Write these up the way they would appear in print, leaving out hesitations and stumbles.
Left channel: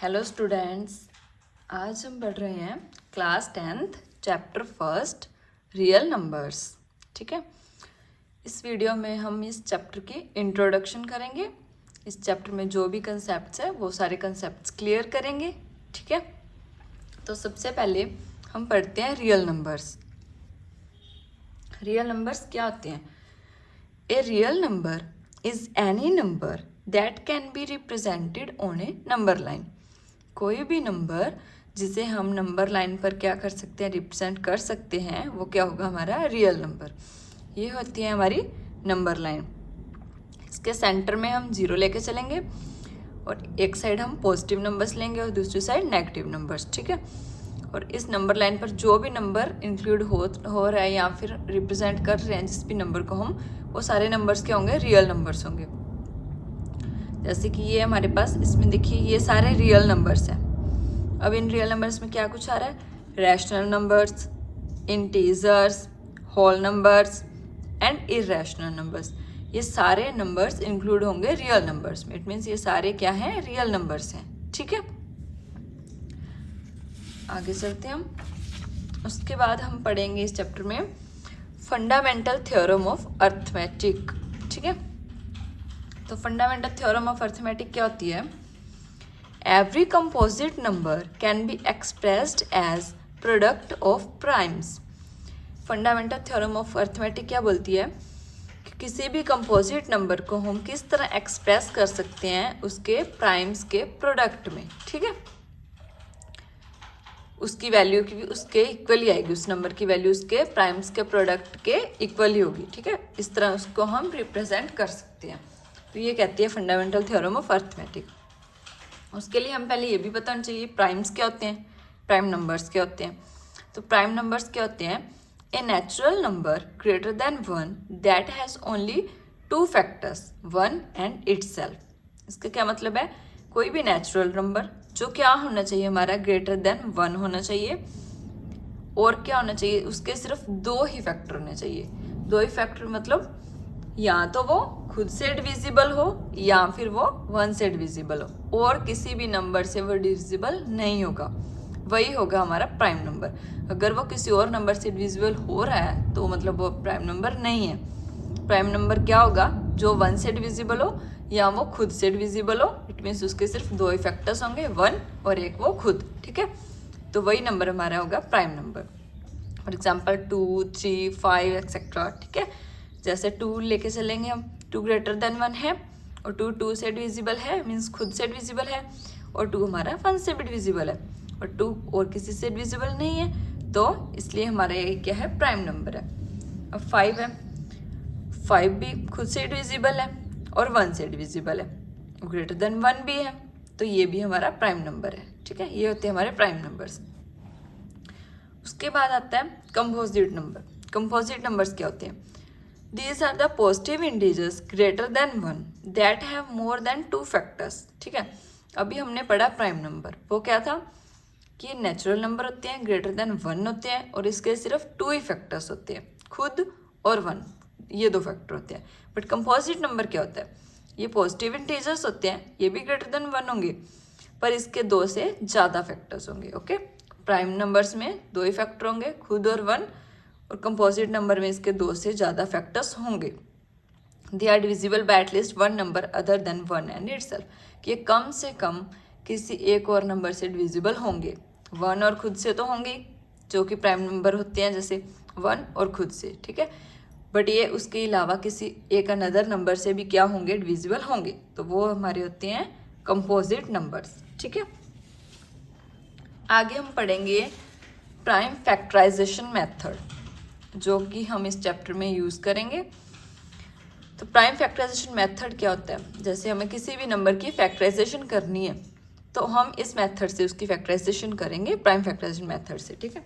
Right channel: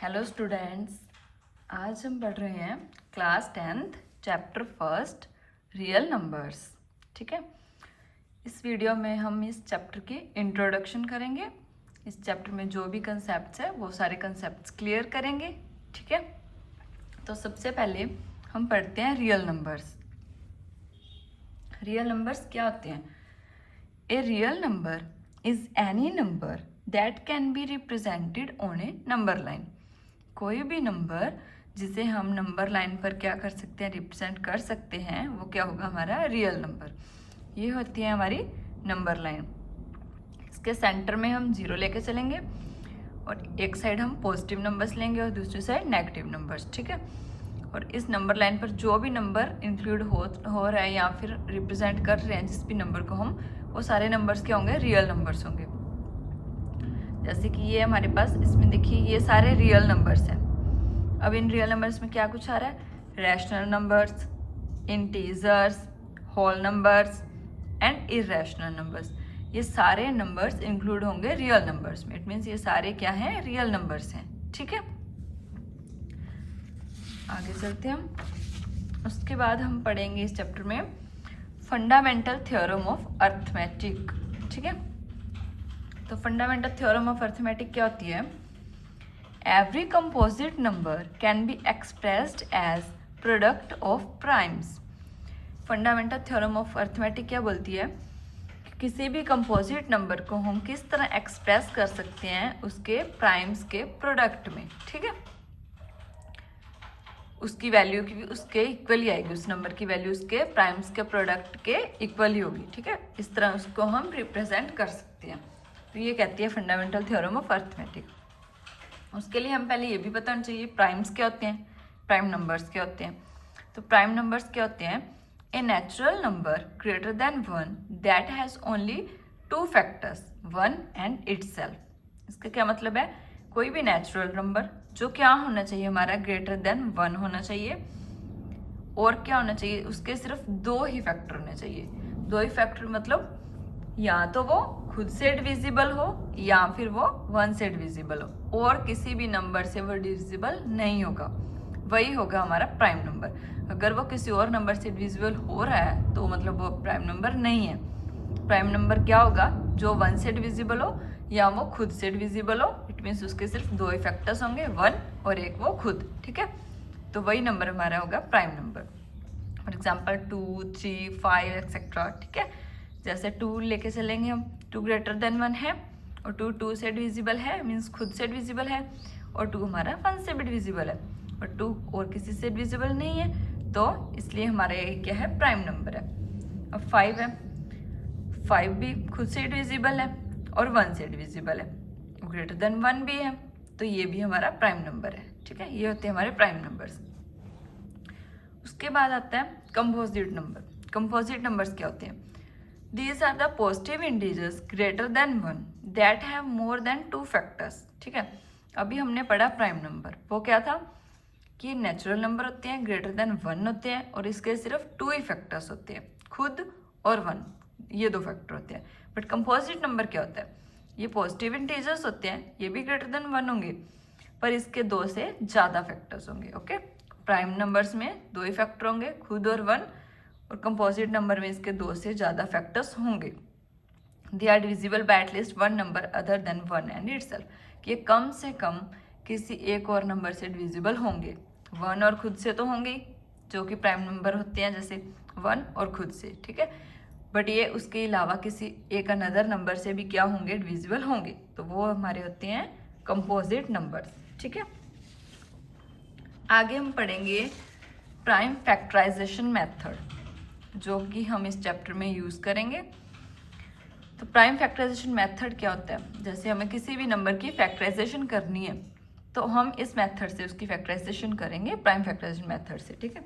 Hello students, आज हम पढ़ रहे हैं class 10th chapter first real numbers. ठीक है, इस वीडियो में हम इस चैप्टर की इंट्रोडक्शन करेंगे। इस चैप्टर में जो भी कंसेप्ट्स है वो सारे कंसेप्ट्स क्लियर करेंगे। ठीक है, तो सबसे पहले हम पढ़ते हैं रियल नंबर्स। रियल नंबर्स क्या होते हैं? A real number is any number that can be represented on A number line. कोई भी नंबर जिसे हम नंबर लाइन पर क्या कर सकते हैं, रिप्रेजेंट कर सकते हैं, वो क्या होगा? हमारा रियल नंबर। ये होती है हमारी नंबर लाइन। इसके सेंटर में हम जीरो लेके चलेंगे और एक साइड हम पॉजिटिव नंबर्स लेंगे और दूसरी साइड नेगेटिव नंबर्स। ठीक है, और इस नंबर लाइन पर जो भी नंबर इंक्लूड हो रहा है या फिर रिप्रेजेंट कर रहे हैं जिस भी नंबर को हम, वो सारे नंबर्स क्या होंगे? रियल नंबर्स होंगे। जैसे कि ये हमारे पास इसमें देखिए ये सारे रियल नंबर्स हैं। अब इन रियल नंबर्स में क्या कुछ आ रहा है? Rational numbers, integers, whole numbers and irrational numbers. ये सारे नंबर्स इंक्लूड होंगे रियल नंबर्स में। इट मीन्स ये सारे क्या हैं? रियल नंबर्स हैं। ठीक है, आगे चलते हैं हम। उसके बाद हम पढ़ेंगे इस चैप्टर में फंडामेंटल थ्योरम ऑफ अर्थमेटिक। ठीक है, तो फंडामेंटल थ्योरम ऑफ अर्थमेटिक क्या होती है? Every composite number can be expressed as product of primes. Fundamental theorem of arithmetic क्या बोलती है कि किसी भी कंपोजिट नंबर को हम किस तरह एक्सप्रेस कर सकते हैं उसके प्राइम्स के प्रोडक्ट में। ठीक है, उसकी वैल्यू की उसके इक्वल ही आएगी, उस नंबर की वैल्यू उसके प्राइम्स के प्रोडक्ट के इक्वल ही होगी। ठीक है, इस तरह उसको हम रिप्रेजेंट कर सकते हैं। तो ये कहती है फंडामेंटल थ्योरम ऑफ अर्थमेटिक। उसके लिए हम पहले ये भी बताना चाहिए प्राइम्स क्या होते हैं, प्राइम नंबर्स क्या होते हैं। तो प्राइम नंबर्स क्या होते हैं? A natural number greater than 1 that has only 2 factors 1 and itself. इसका क्या मतलब है? कोई भी नेचुरल नंबर जो क्या होना चाहिए हमारा? ग्रेटर देन 1 होना चाहिए और क्या होना चाहिए? उसके सिर्फ 2 ही फैक्टर होने चाहिए। 2 ही फैक्टर मतलब या तो वो खुद से डिविजिबल हो या फिर वो 1 से डिविजिबल हो, और किसी भी नंबर से वो डिविजिबल नहीं होगा, वही होगा हमारा प्राइम नंबर। अगर वो किसी और नंबर से डिविजिबल हो रहा है तो मतलब वो प्राइम नंबर नहीं है। प्राइम नंबर क्या होगा? जो 1 से डिविजिबल हो या वो खुद से डिविजिबल हो। इट मीन्स उसके सिर्फ 2 ही फैक्टर्स होंगे, 1 और एक वो खुद। ठीक है, तो वही नंबर हमारा होगा prime number. For example 2, 3, 5 etcetera. ठीक है, जैसे 2 लेके चलेंगे हम, 2 ग्रेटर देन 1 है और 2 से डिविजिबल है, मीन्स खुद से डिविजिबल है, और 2 हमारा 1 से भी डिविजिबल है और 2 और किसी से डिविजिबल नहीं है, तो इसलिए हमारा ये क्या है? प्राइम नंबर है। अब 5 है, 5 भी खुद से डिविजिबल है और 1 से डिविजिबल है, ग्रेटर देन 1 भी है, तो ये भी हमारा प्राइम नंबर है। ठीक है, ये होते हैं हमारे प्राइम नंबर्स। उसके बाद आता है कंपोजिट नंबर। कंपोजिट नंबर्स क्या होते हैं? These are the positive integers greater than 1 that have more than 2 factors. ठीक है, अभी हमने पढ़ा प्राइम नंबर, वो क्या था कि नेचुरल नंबर होते हैं, ग्रेटर देन 1 होते हैं और इसके सिर्फ 2 ही फैक्टर्स होते हैं, खुद और 1, ये 2 फैक्टर होते हैं। बट कंपोजिट नंबर क्या होता है? ये पॉजिटिव इंटीजर्स होते हैं, ये भी ग्रेटर देन 1 होंगे पर इसके 2 से ज़्यादा फैक्टर्स होंगे। ओके, प्राइम नंबर्स में 2 ही फैक्टर होंगे, खुद और 1, और कंपोजिट नंबर में इसके 2 से ज़्यादा फैक्टर्स होंगे। They are divisible by at least 1 number other than 1 and itself. ये कम से कम किसी एक और नंबर से डिविजिबल होंगे, 1 और खुद से तो होंगे जो कि प्राइम नंबर होते हैं, जैसे 1 और खुद से। ठीक है, बट ये उसके अलावा किसी एक अनदर नंबर से भी क्या होंगे? डिविजिबल होंगे, तो वो हमारे होते हैं कंपोजिट नंबर्स। ठीक है, आगे हम पढ़ेंगे प्राइम फैक्टराइजेशन मेथड, जो कि हम इस चैप्टर में यूज़ करेंगे। तो प्राइम फैक्टराइजेशन मेथड क्या होता है? जैसे हमें किसी भी नंबर की फैक्टराइजेशन करनी है तो हम इस मेथड से उसकी फैक्टराइजेशन करेंगे, प्राइम फैक्टराइजेशन मेथड से। ठीक है,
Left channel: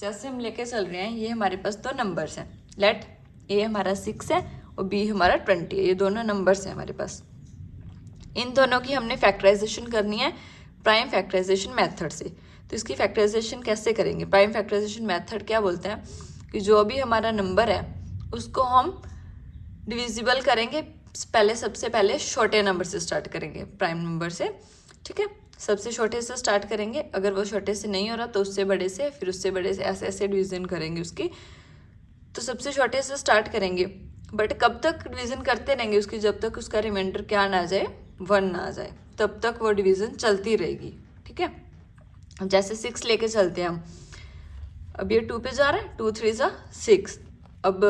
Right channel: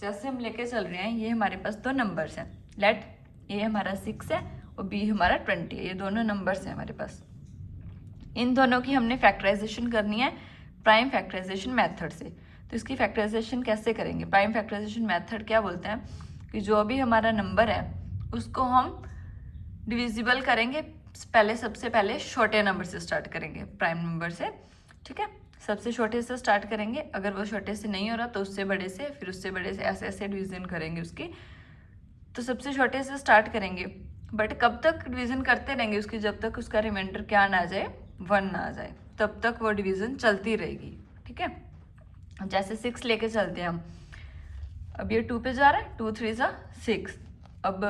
जैसे हम लेके चल रहे हैं, ये हमारे पास 2 नंबर्स हैं, लेट ए हमारा 6 है और बी हमारा 20 है, ये दोनों नंबर्स हैं हमारे पास। इन दोनों की हमने फैक्टराइजेशन करनी है प्राइम फैक्टराइजेशन मेथड से। तो इसकी फैक्टराइजेशन कैसे करेंगे? प्राइम फैक्टराइजेशन मेथड क्या बोलते हैं कि जो भी हमारा नंबर है उसको हम डिविजिबल करेंगे, पहले सबसे पहले छोटे नंबर से स्टार्ट करेंगे, प्राइम नंबर से। ठीक है, सबसे छोटे से स्टार्ट करेंगे, अगर वो छोटे से नहीं हो रहा तो उससे बड़े से, फिर उससे बड़े से, ऐसे ऐसे डिवीज़न करेंगे उसकी। तो सबसे छोटे से स्टार्ट करेंगे, बट कब तक डिवीज़न करते रहेंगे उसकी, जब तक उसका रिमाइंडर क्या ना आ जाए, 1 ना आ जाए, तब तक वो डिवीज़न चलती रहेगी। ठीक है, जैसे 6 लेके चलते हैं हम। अब ये 2 पे जा रहा है, 2 3 सा 6, अब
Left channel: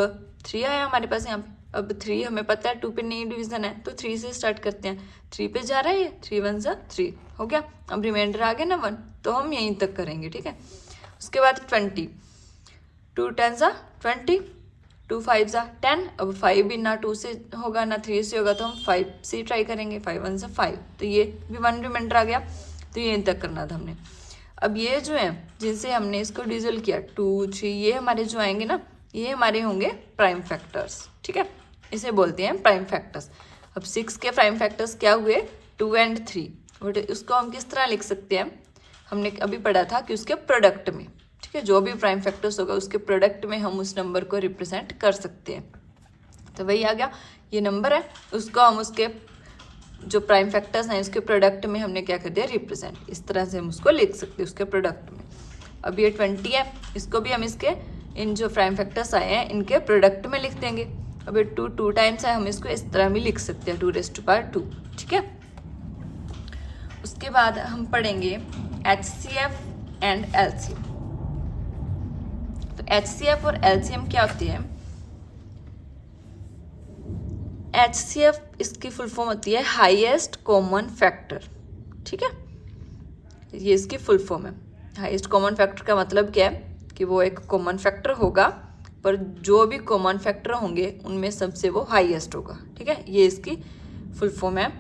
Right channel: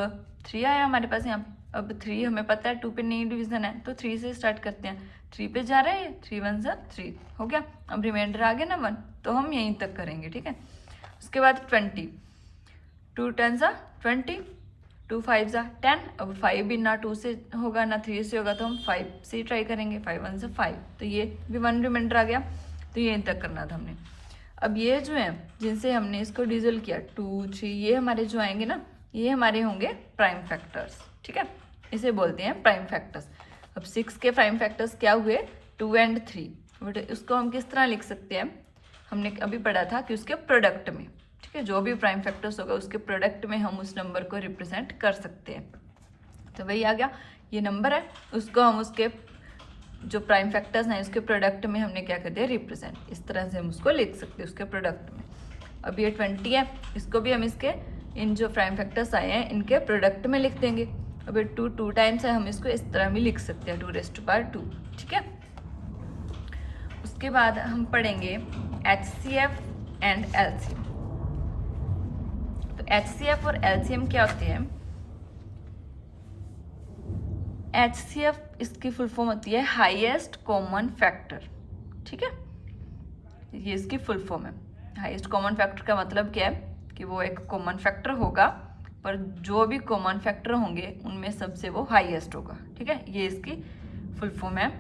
3 आया हमारे पास यहाँ। अब 3 हमें पता है 2 पे नहीं डिवीज़न है, तो 3 से स्टार्ट करते हैं। 3 पे जा रहा है ये, 3 1 सा 3 हो गया। अब रिमाइंडर आ गया ना 1, तो हम यहीं तक करेंगे। ठीक है, उसके बाद 20, 2 10 सा 20, 2 5 सा 10। अब 5 भी ना 2 से होगा ना 3 से होगा, तो हम 5 से ट्राई करेंगे। 5 1 सा 5, तो ये भी 1 रिमाइंडर आ गया, तो यहीं तक करना था हमने। अब ये जो है जिनसे हमने इसको डिविजल किया 2 3, ये हमारे जो आएंगे ना, ये हमारे होंगे प्राइम फैक्टर्स। ठीक है, इसे बोलते हैं प्राइम फैक्टर्स। अब 6 के प्राइम फैक्टर्स क्या हुए, 2 और 3। बट उसको हम किस तरह लिख सकते हैं, हमने अभी पढ़ा था कि उसके प्रोडक्ट में। ठीक है, जो भी प्राइम फैक्टर्स होगा उसके प्रोडक्ट में हम उस नंबर को रिप्रेजेंट कर सकते हैं। तो वही आ गया, ये नंबर है, उसको हम उसके जो प्राइम फैक्टर्स हैं इसके प्रोडक्ट में हमने क्या कर दिया, रिप्रेजेंट। इस तरह से हम उसको लिख सकते हैं उसके प्रोडक्ट में। अब ये 20 है, इसको भी हम इसके इन जो प्राइम फैक्टर्स आए हैं इनके प्रोडक्ट में लिख देंगे। अब ये 2 टाइम्स है, हम इसको इस तरह भी लिख सकते हैं, 2⁻²। ठीक है, उसके बाद हम पढ़ेंगे HCF एंड LCM। तो HCF और LCM क्या होते हैं। HCF इसकी फुल फॉर्म होती है हाईएस्ट कॉमन फैक्टर। ठीक है, ये इसकी फुल फॉर्म है। हाईएस्ट कॉमन फैक्टर का मतलब क्या है कि वो एक कॉमन फैक्टर होगा, पर जो भी कॉमन फैक्टर होंगे उनमें सबसे वो हाईएस्ट होगा। ठीक है, ये इसकी फुल फॉर्म है।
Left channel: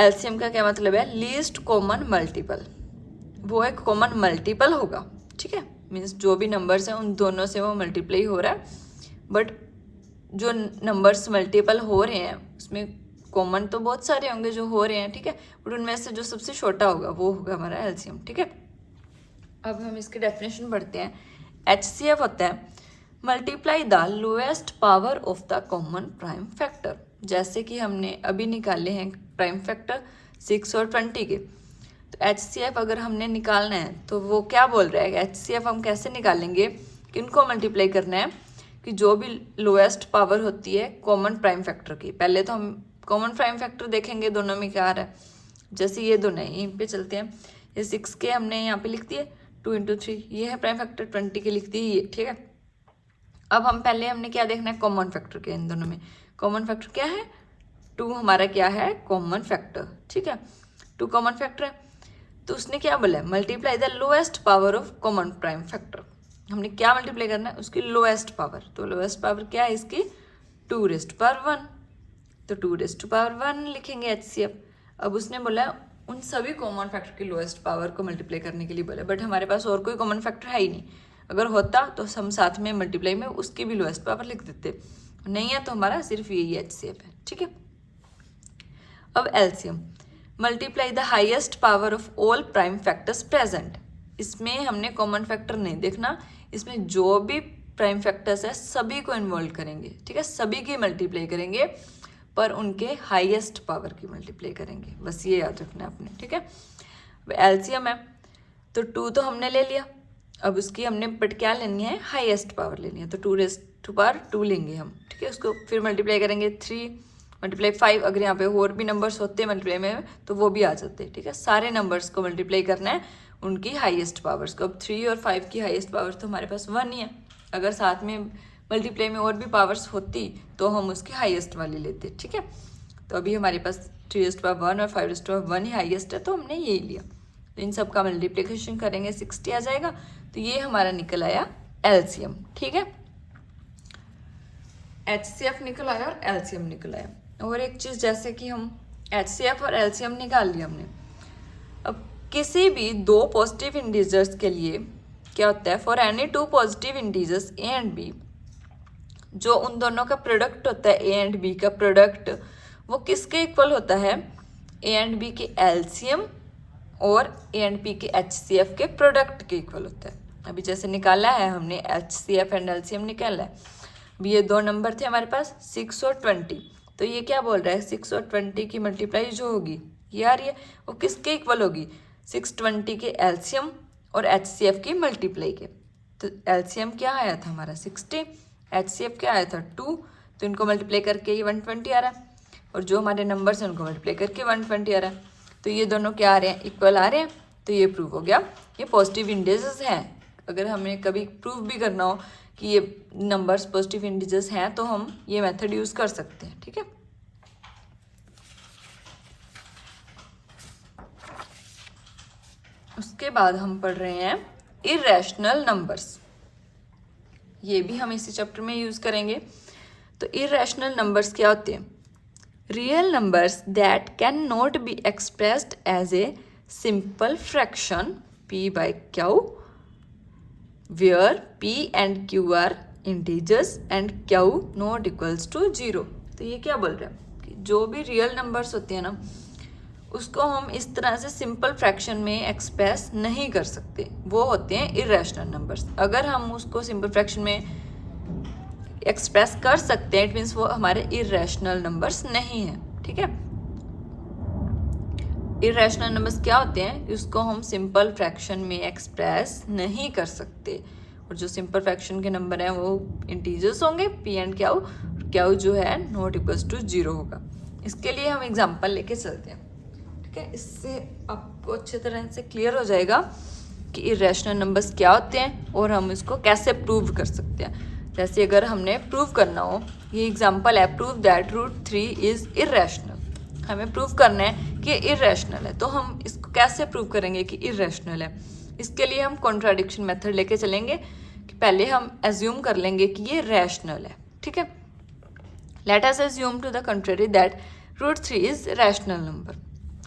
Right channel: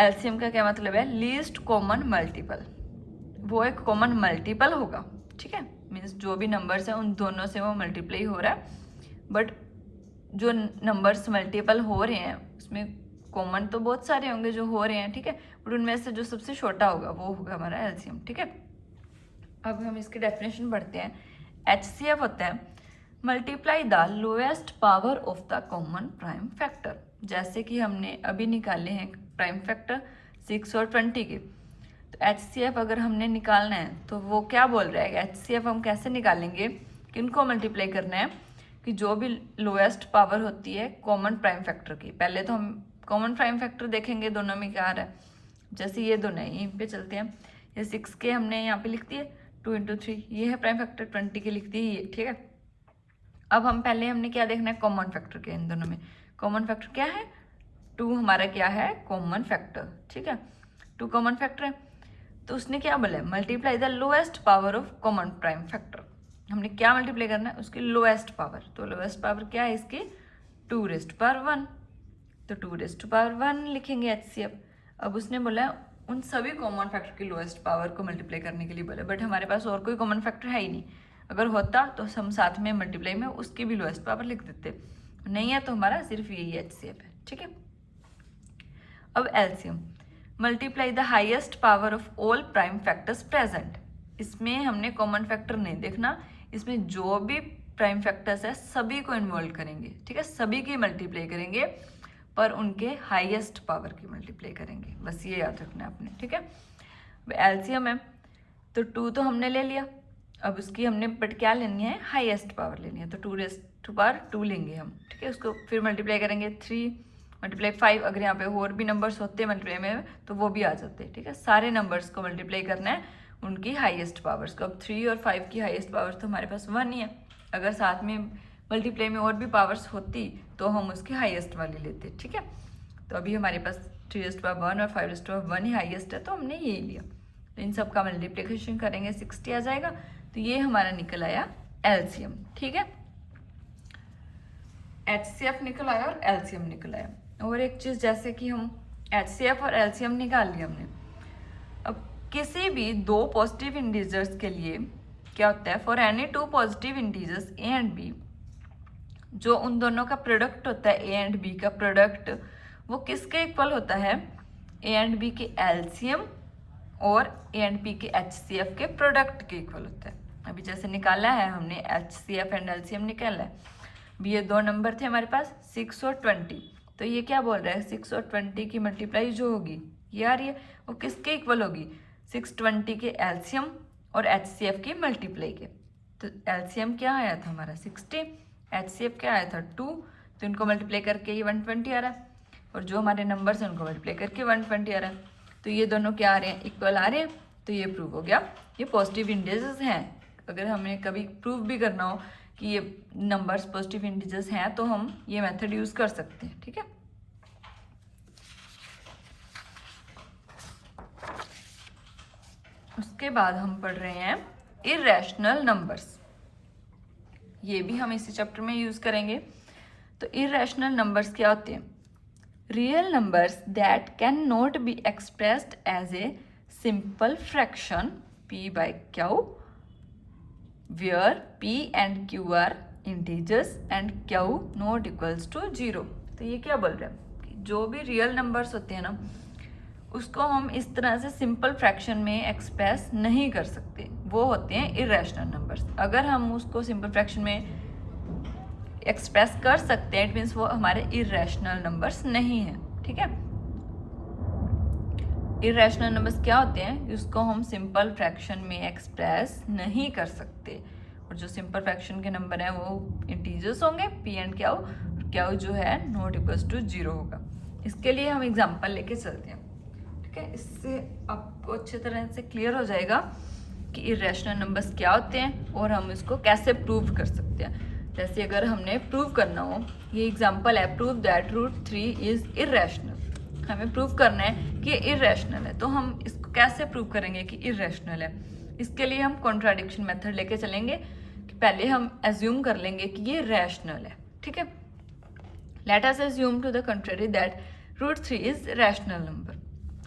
LCM का क्या मतलब है, लीस्ट कॉमन मल्टीपल। वो एक कॉमन मल्टीपल होगा। ठीक है, मीन्स जो भी नंबर्स हैं उन दोनों से वो मल्टीप्लाई हो रहा है, बट जो नंबर्स मल्टीपल हो रहे हैं उसमें कॉमन तो बहुत सारे होंगे जो हो रहे हैं। ठीक है, बट उनमें से जो सबसे छोटा होगा वो होगा हमारा LCM। ठीक है, अब हम इसकी डेफिनेशन पढ़ते हैं। HCF होता है multiply the lowest power of the common prime factor. जैसे कि हमने अभी निकाले हैं प्राइम फैक्टर 6 और 20 के, तो HCF अगर हमने निकालना है तो वो क्या बोल रहा है, HCF हम कैसे निकालेंगे, किनको मल्टीप्लाई करना है, कि जो भी लोएस्ट पावर होती है कॉमन प्राइम फैक्टर की। पहले तो हम कॉमन प्राइम फैक्टर देखेंगे दोनों में क्या आ रहा है। जैसे ये दोनों है, यहीं पे चलते हैं। ये 6 के हमने यहाँ पे लिख दिए 2 × 3, ये है प्राइम फैक्टर। 20 के लिख दिए ये। ठीक है, अब हम पहले हमने क्या देखना है, कॉमन फैक्टर के। इन दोनों में कॉमन फैक्टर क्या है, 2 हमारा क्या है, कॉमन फैक्टर। ठीक है, 2 कॉमन फैक्टर है, तो उसने क्या बोला है, multiply the lowest power of common prime factor. हमने क्या मल्टीप्लाई करना है, उसकी लोएस्ट पावर। तो लोएस्ट पावर क्या है इसकी, 2⁻1। तो 2⁻1 लिखेंगे HCF। अब उसने बोला उन सभी कॉमन फैक्टर की लोएस्ट पावर को मल्टीप्लाई करने के लिए बोला, बट हमारे पास और कोई कॉमन फैक्टर है ही नहीं। अगर होता तो हम साथ में मल्टीप्लाई में उसकी भी लोएस्ट पावर लिख देते, नहीं है तो हमारा सिर्फ यही HCF है। ठीक है, अब LCM multiply the highest power of all prime factors present. इसमें हमने कॉमन फैक्टर नहीं देखना, इसमें जो भी प्राइम फैक्टर्स है सभी को इन्वॉल्व करेंगे। ठीक है, सभी की मल्टीप्लाई करेंगे, पर उनके हाईएस्ट पावर की मल्टीप्लाई करेंगे, बस ये याद रखना है आपने। ठीक है, LCM है तो 2 तो हमने ले लिया, अब उसकी हमने बट क्या लेनी है, हाईएस्ट पावर लेनी है, तो 2⁻2 लेंगे हम। ठीक है, उसको फिर मल्टीप्लाई करेंगे 3 × 5। अगर यहाँ पे और भी नंबर्स होते हैं मल्टीप्लाई में तो वो भी आ जाते हैं। ठीक है, सारे नंबर्स को मल्टीप्लाई करना है उनकी हाईएस्ट पावर्स को। अब 3 और 5 की हाईएस्ट पावर तो हमारे पास 1 ही है, अगर साथ में मल्टीप्लाई में और भी पावर्स होती तो हम उसकी हाईएस्ट वाली लेते। ठीक है, तो अभी हमारे पास 3⁻1 और 5⁻1 ही हाईएस्ट है, तो हमने यही लिया। तो इन सब का मल्टीप्लिकेशन करेंगे 60 आ जाएगा, तो ये हमारा निकल आया LCM। ठीक है, HCF निकल आया और LCM निकल आया। और एक चीज़, जैसे कि हम HCF और LCM निकाल लिया हमने, अब किसी भी 2 पॉजिटिव इंटीजर्स के लिए क्या होता है, for any 2 positive integers A and B, जो उन दोनों का प्रोडक्ट होता है A एंड B का प्रोडक्ट, वो किसके इक्वल होता है, A एंड B के LCM और A एंड B के HCF के प्रोडक्ट के इक्वल होता है। अभी जैसे निकाला है हमने HCF एंड LCM निकाला है। अभी ये 2 नंबर थे हमारे पास 6 और 20, तो ये क्या बोल रहा है, 6 और 20 की मल्टीप्लाई जो होगी ये आ रही है, वो किसके इक्वल होगी, 620 के एलसीएम और HCF की मल्टीप्लाई के। तो एलसीएम क्या आया था हमारा 60, HCF क्या आया था 2, तो इनको मल्टीप्लाई करके ये 120 आ रहा है, और जो हमारे नंबर्स हैं उनको मल्टीप्लाई करके 120 आ रहा है। तो ये दोनों क्या आ रहे हैं, इक्वल आ रहे हैं। तो ये प्रूव हो गया, ये पॉजिटिव इंटीजर्स हैं। अगर हमें कभी प्रूव भी करना हो कि ये नंबर्स पॉजिटिव इंटीजर्स हैं तो हम ये मेथड यूज कर सकते हैं, ठीक है। उसके बाद हम पढ़ रहे हैं इरेशनल नंबर्स, ये भी हम इसी चैप्टर में यूज करेंगे। तो इरेशनल नंबर्स क्या होते हैं, real numbers that can not be expressed as a simple fraction P/Q where P and Q are integers and Q not equals to 0। तो ये क्या बोल रहा है कि जो भी रियल नंबर्स होते हैं ना उसको हम इस तरह से सिंपल फ्रैक्शन में एक्सप्रेस नहीं कर सकते, वो होते हैं इरेशनल नंबर्स। अगर हम उसको सिंपल फ्रैक्शन में एक्सप्रेस कर सकते हैं इट मीन्स वो हमारे इरेशनल नंबर्स नहीं हैं, ठीक है। इरेशनल नंबर्स क्या होते हैं, उसको हम सिंपल फ्रैक्शन में एक्सप्रेस नहीं कर सकते, और जो सिंपल फ्रैक्शन के नंबर हैं वो इंटीजर्स होंगे P एंड Q जो है नॉट इक्वल्स टू 0 होगा। इसके लिए हम एग्जांपल लेके चलते हैं, ठीक है। इससे आपको अच्छे तरह से क्लियर हो जाएगा कि इरेशनल नंबर्स क्या होते हैं और हम इसको कैसे प्रूव कर सकते हैं। जैसे अगर हमने प्रूव करना हो, ये एग्जांपल है, प्रूव दैट √3 इज इरेशनल। हमें प्रूव करना है कि ये इरेशनल है, तो हम इसको कैसे प्रूव करेंगे कि इरेशनल है। इसके लिए हम कॉन्ट्राडिक्शन मेथड लेके चलेंगे कि पहले हम एज्यूम कर लेंगे कि ये रैशनल है, ठीक है। Let us assume to the contrary that √3 is rational number.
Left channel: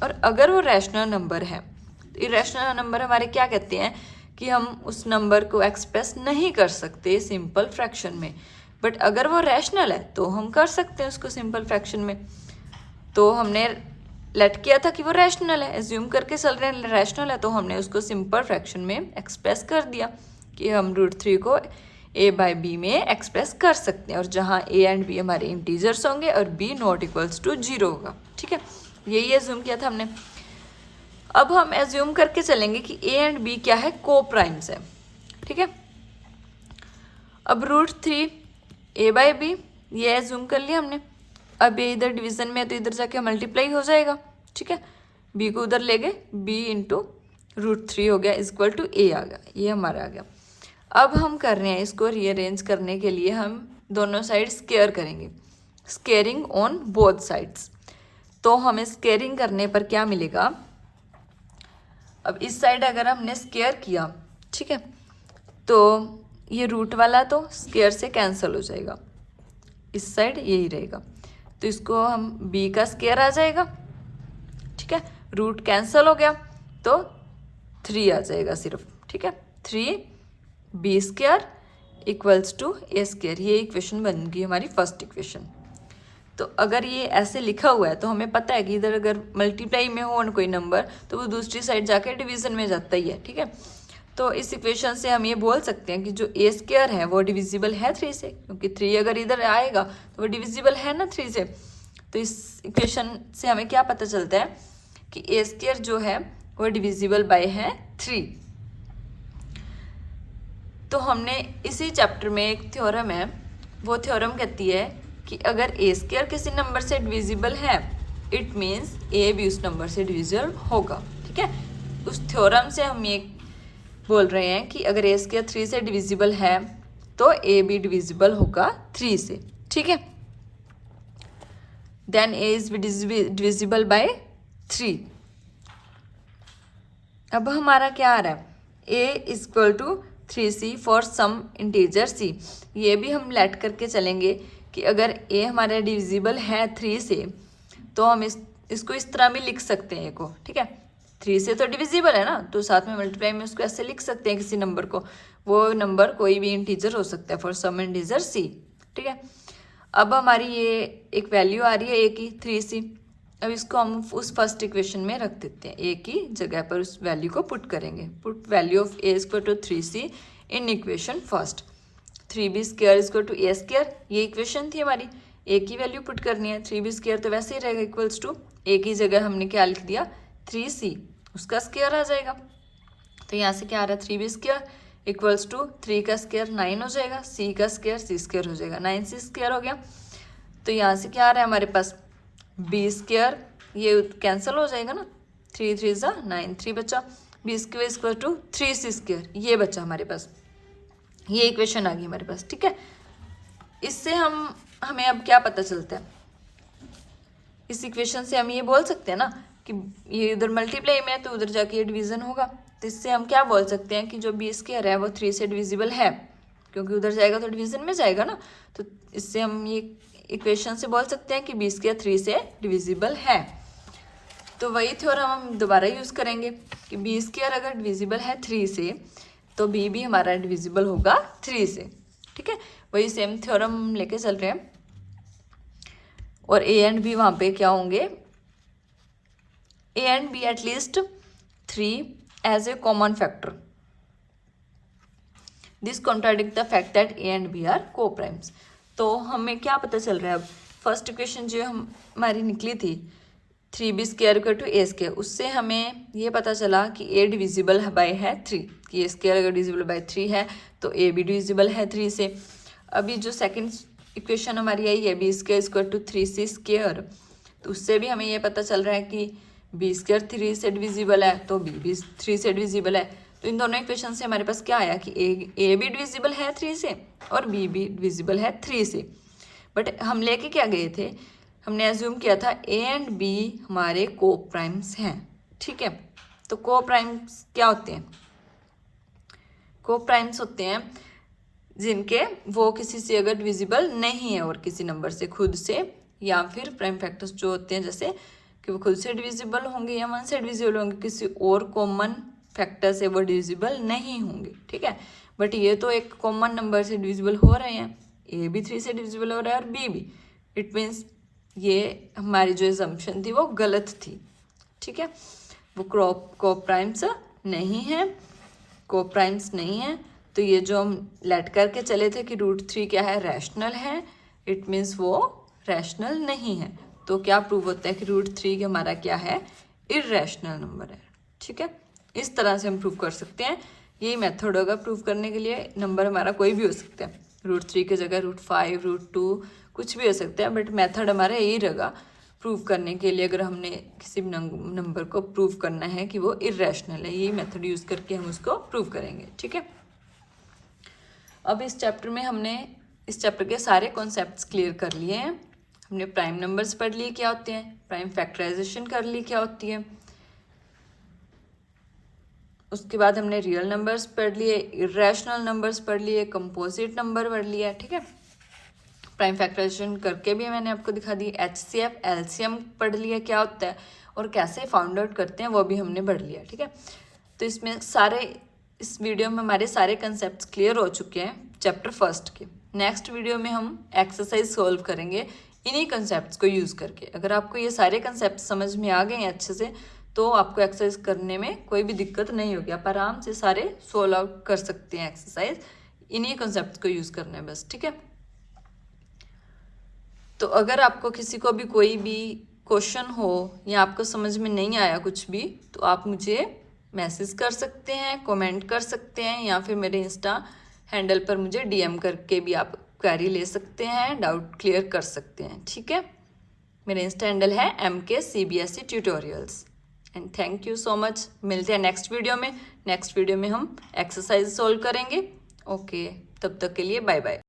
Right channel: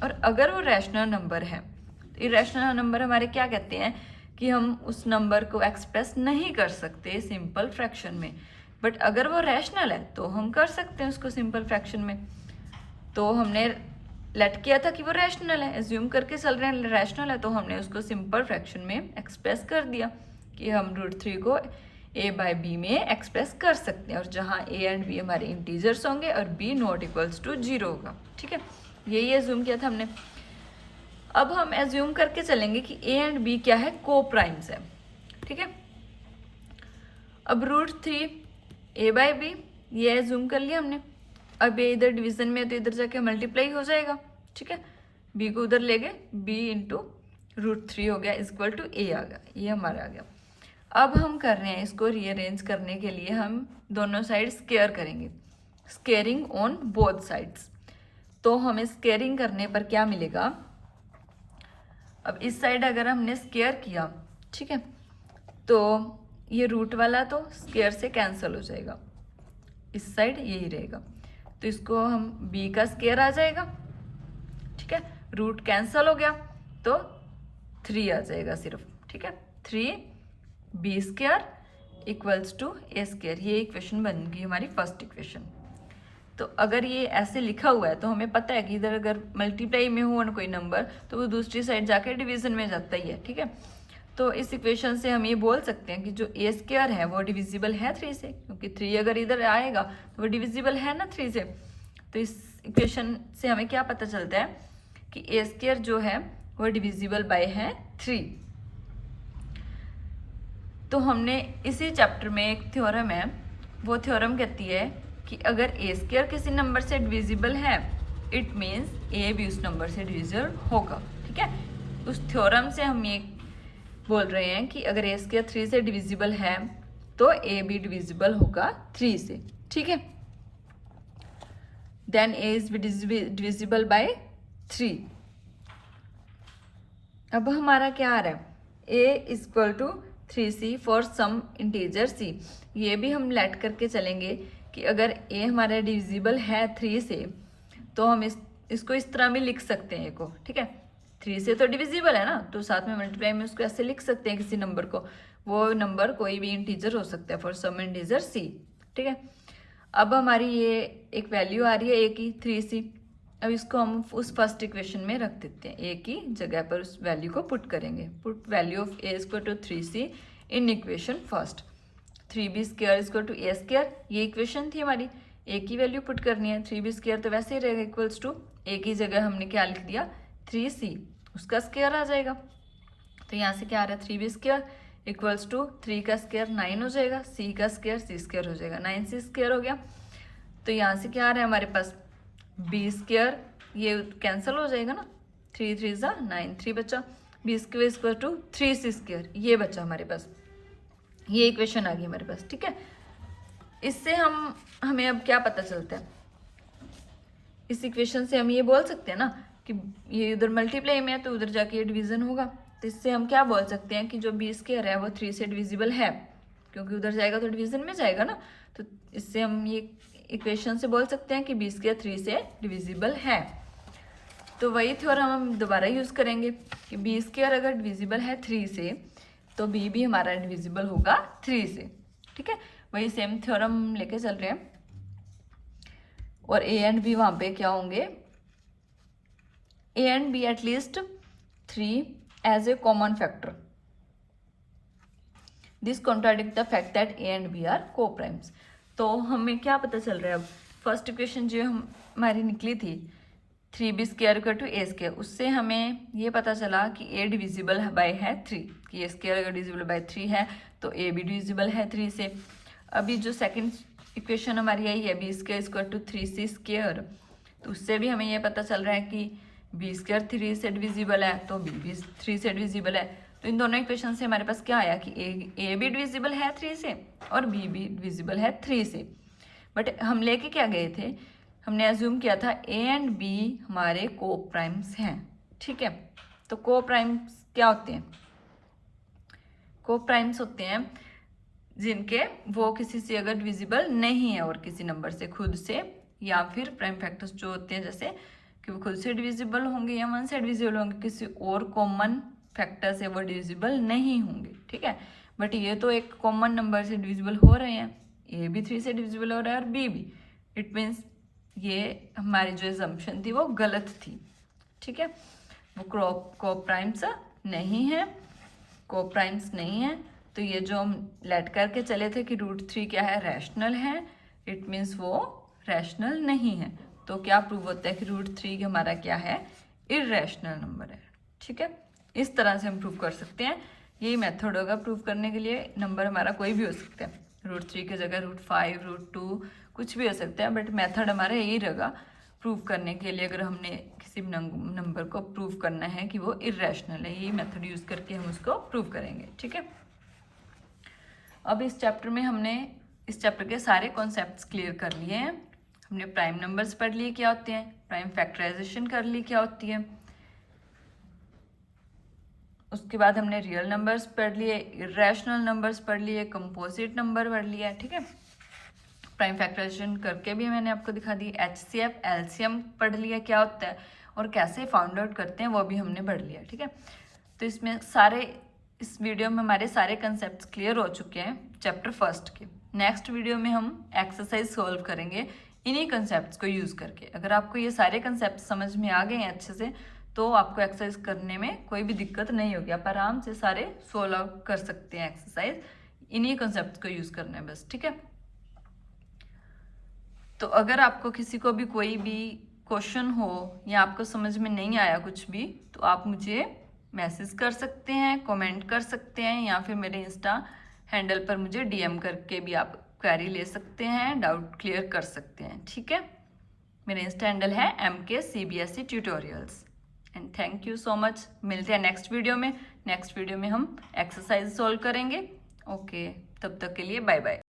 और अगर वो रैशनल नंबर है, तो इरेशनल नंबर हमारे क्या कहते हैं कि हम उस नंबर को एक्सप्रेस नहीं कर सकते सिंपल फ्रैक्शन में, बट अगर वो रैशनल है तो हम कर सकते हैं उसको सिंपल फ्रैक्शन में। तो हमने लेट किया था कि वो रैशनल है, एज्यूम करके चल रहे हैं रैशनल है, तो हमने उसको सिंपल फ्रैक्शन में एक्सप्रेस कर दिया कि हम √3 को A/B में एक्सप्रेस कर सकते हैं, और जहाँ A एंड B हमारे इंटीजर्स होंगे और B नॉट इक्वल्स टू 0 होगा, ठीक है। यही एज्यूम किया था हमने। अब हम एज्यूम करके चलेंगे कि A एंड B क्या है, को प्राइम्स है, ठीक है। अब √3 A/B ये एज्यूम कर लिया हमने। अब ये इधर डिवीजन में है तो इधर जाके मल्टीप्लाई हो जाएगा, ठीक है। B को उधर ले गए, B इंटू √3 हो गया इक्वल टू A आ गया, ये हमारा आ गया। अब हम कर रहे हैं इसको रीअरेंज करने के लिए हम दोनों साइड स्केयर करेंगे, स्केयरिंग ऑन बोथ साइड्स। तो हमें स्केयरिंग करने पर क्या मिलेगा, अब इस साइड अगर हमने स्केयर किया, ठीक है, तो ये रूट वाला तो स्केयर से कैंसिल हो जाएगा, इस साइड यही रहेगा, तो इसको हम B का स्केयर आ जाएगा, ठीक है। रूट कैंसिल हो गया तो 3 आ जाएगा सिर्फ, ठीक है। 3B² इक्वल्स टू A², ये इक्वेशन बन गई हमारी फर्स्ट इक्वेशन। तो अगर ये ऐसे लिखा हुआ है तो हमें पता है कि इधर अगर मल्टीप्लाई में हो कोई नंबर तो वो दूसरी साइड जाकर डिवीजन में जाता ही है, ठीक है। तो इस इक्वेशन से हम ये बोल सकते हैं कि जो A² है वो डिविजिबल है 3 से, क्योंकि 3 अगर इधर आएगा तो वो डिविजिबल है ना 3 से। तो इस इक्वेशन से हमें क्या पता चलता है कि A² जो है वो डिविजिबल बाय है 3। तो हमने इसी चैप्टर में एक थ्योरम है, वो थ्योरम कहती है कि अगर A² किसी नंबर से डिविजिबल है इट मीन्स A भी उस नंबर से डिविजिबल होगा, ठीक है। उस थ्योरम से हम ये बोल रहे हैं कि अगर A² 3 से डिविजिबल है तो A भी डिविजिबल होगा 3 से, ठीक है। Then A is divisible by 3। अब हमारा क्या आ रहा है, A equal to 3C for some integer C। ये भी हम लेट करके चलेंगे कि अगर A हमारा डिविजिबल है 3 से तो हम इसको इस तरह भी लिख सकते हैं को, ठीक है। 3 से तो डिविजिबल है ना, तो साथ में मल्टीप्लाई में उसको ऐसे लिख सकते हैं किसी नंबर को, वो नंबर कोई भी इंटीजर हो सकता है फॉर सम इंटीजर C, ठीक है। अब हमारी ये एक वैल्यू आ रही है A की 3C। अब इसको हम उस फर्स्ट इक्वेशन में रख देते हैं, A की जगह पर उस वैल्यू को पुट करेंगे। Put value of A equal to 3C in equation first. 3B² equal to A², ये इक्वेशन थी हमारी। ए की वैल्यू पुट करनी है, 3b² तो वैसे ही रहेगा इक्वल्स टू ए की जगह हमने क्या लिख दिया 3c, उसका स्क्वायर आ जाएगा। तो यहाँ से क्या आ रहा है 3b² इक्वल्स टू 3 का स्क्वायर 9 हो जाएगा, c का स्क्वायर c² हो जाएगा, 9c² हो गया। तो यहाँ से क्या आ रहा है हमारे पास b², ये कैंसिल हो जाएगा ना, 3 3 ज़ा 9, 3 बचा, b² इक्वल टू 3c², ये बचा हमारे पास, ये इक्वेशन आ गई हमारे पास। ठीक है, इससे हमें अब क्या पता चलता है, इस इक्वेशन से हम ये बोल सकते हैं ना कि ये उधर मल्टीप्लाई में है तो उधर जाके ये डिवीजन होगा। तो इससे हम क्या बोल सकते हैं कि जो b² है वो 3 से डिविजिबल है, क्योंकि उधर जाएगा तो डिवीजन में जाएगा ना। तो इससे हम ये इक्वेशन से बोल सकते हैं कि b² 3 से डिविजिबल है। तो वही थ्योरम हम दोबारा यूज़ करेंगे कि b² अगर डिविजिबल है 3 से तो b भी हमारा डिविजिबल होगा 3 से। ठीक है, वही सेम थ्योरम लेके चल रहे हैं, और a एंड b वहाँ पे क्या होंगे, a and b at least 3 as a common factor. This contradict the fact that a and b are coprimes. तो हमें क्या पता चल रहा है, अब फर्स्ट इक्वेशन जो हमारी निकली थी 3b² इक्वल टू a², उससे हमें ये पता चला कि a डिविजिबल बाय है 3, कि a² अगर डिविजिबल बाय 3 है तो a भी डिविजिबल है 3 से। अभी जो सेकंड इक्वेशन हमारी आई है b² इक्वल टू 3c², तो उससे भी हमें ये पता चल रहा है कि b² 3 से डिविजिबल है तो b भी 3 से डिविजिबल है। तो इन दोनों इक्वेशन से हमारे पास क्या आया कि a भी डिविजिबल है 3 से और b भी डिविजिबल है 3 से। बट हम लेके क्या गए थे, हमने एज्यूम किया था a एंड b हमारे को प्राइम्स हैं। ठीक है, तो को प्राइम्स क्या होते हैं, को प्राइम्स होते हैं जिनके वो किसी से अगर डिविजिबल नहीं है और किसी नंबर से खुद से, या फिर प्राइम फैक्टर्स जो होते हैं जैसे कि वो खुद से डिविजिबल होंगे या 1 से डिविजिबल होंगे, किसी और कॉमन फैक्टर से वो डिविजिबल नहीं होंगे। ठीक है, बट ये तो एक कॉमन नंबर से डिविजिबल हो रहे हैं, ए भी 3 से डिविजिबल हो रहा है और बी भी, इट मीन्स ये हमारी जो एजम्पशन थी वो गलत थी। ठीक है, वो को प्राइम्स नहीं है, को प्राइम्स नहीं है। तो ये जो हम लेट करके चले थे कि √3 क्या है, रैशनल है, इट मीन्स वो रैशनल नहीं है। तो क्या प्रूव होता है कि √3 हमारा क्या है, इररेशनल नंबर है। ठीक है, इस तरह से हम प्रूव कर सकते हैं, यही मेथड होगा प्रूव करने के लिए। नंबर हमारा कोई भी हो सकता है, √3 की जगह √5 √2 कुछ भी हो सकता है, बट मेथड हमारा यही रहेगा प्रूव करने के लिए। अगर हमने किसी नंबर को प्रूव करना है कि वो इररेशनल है, यही मेथड यूज़ करके हम उसको प्रूव करेंगे। ठीक है, अब इस चैप्टर में हमने इस चैप्टर के सारे कॉन्सेप्ट्स क्लियर कर लिए हैं। हमने प्राइम नंबर्स पढ़ लिए क्या होते हैं, प्राइम फैक्टराइजेशन कर ली क्या होती है, उसके बाद हमने रियल नंबर्स पढ़ लिए, इररेशनल नंबर्स पढ़ लिए, कंपोजिट नंबर पढ़ लिया। ठीक है, प्राइम फैक्टराइजेशन करके भी मैंने आपको दिखा दी, HCF LCM पढ़ लिया क्या होता है और कैसे फाउंड आउट करते हैं वो भी हमने पढ़ लिया। ठीक है, तो इसमें इस वीडियो में हमारे सारे कंसेप्ट्स क्लियर हो चुके हैं चैप्टर फर्स्ट के। नेक्स्ट वीडियो में हम एक्सरसाइज सोल्व करेंगे इन्हीं कंसेप्ट्स को यूज़ करके। अगर आपको ये सारे कंसेप्ट समझ में आ गए हैं अच्छे से तो आपको एक्सरसाइज करने में कोई भी दिक्कत नहीं होगी, आप आराम से सारे सोल्व आउट कर सकते हैं एक्सरसाइज, इन्हीं कंसेप्ट्स को यूज़ करना है बस। ठीक है, तो अगर आपको किसी को भी कोई भी क्वेश्चन हो या आपको समझ में नहीं आया कुछ भी, तो आप मुझे मैसेज कर सकते हैं, कमेंट कर सकते हैं, या फिर मेरे इंस्टा हैंडल पर मुझे DM करके भी आप क्वेरी ले सकते हैं, डाउट क्लियर कर सकते हैं। ठीक है, मेरा इंस्टा हैंडल है MK CBSE tutorials. And thank you so much, मिलते हैं नेक्स्ट वीडियो में। नेक्स्ट वीडियो में हम एक्सरसाइज सोल्व करेंगे। ओके, तब तक के लिए बाय बाय।